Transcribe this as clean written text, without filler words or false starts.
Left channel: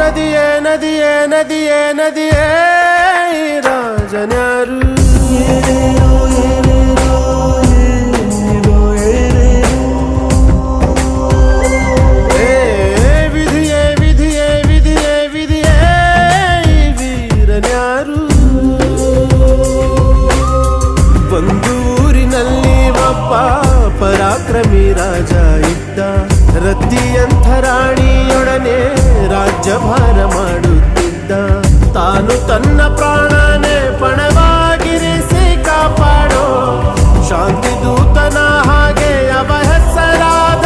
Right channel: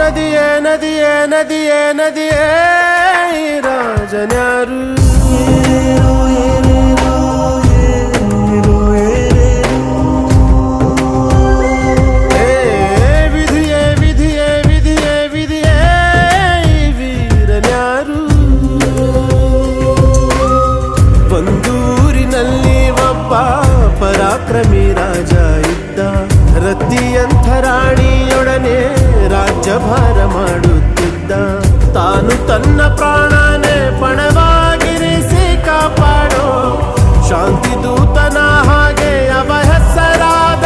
ನದಿಯೇ ನದಿಯೇ ನದಿಯೇ ನದಿಯೇ ಈ ರಾಜನ್ಯಾರು ಏನೇನೋ ಏನೇನೋ ಏನೇನೋ ಏ ವಿಧಿಯೇ ವಿಧಿಯೇ ವಿಧಿಯೇ ವಿಧಿಯೇ ಈ ವೀರನ್ಯಾರು ಒಂದು ಊರಿನಲ್ಲಿ ಒಬ್ಬ ಪರಾಕ್ರಮಿ ರಾಜ ಇದ್ದ ರತಿಯಂಥ ರಾಣಿಯೊಡನೆ ರಾಜ್ಯಭಾರ ಮಾಡುತ್ತಿದ್ದ ತಾನು ತನ್ನ ಪ್ರಾಣನೇ ಪಣವಾಗಿರಿಸಿ ಕಾಪಾಡೋ ಶಾಂತಿ ದೂತನ ಹಾಗೆ ಅವ ಹೆಸರಾದ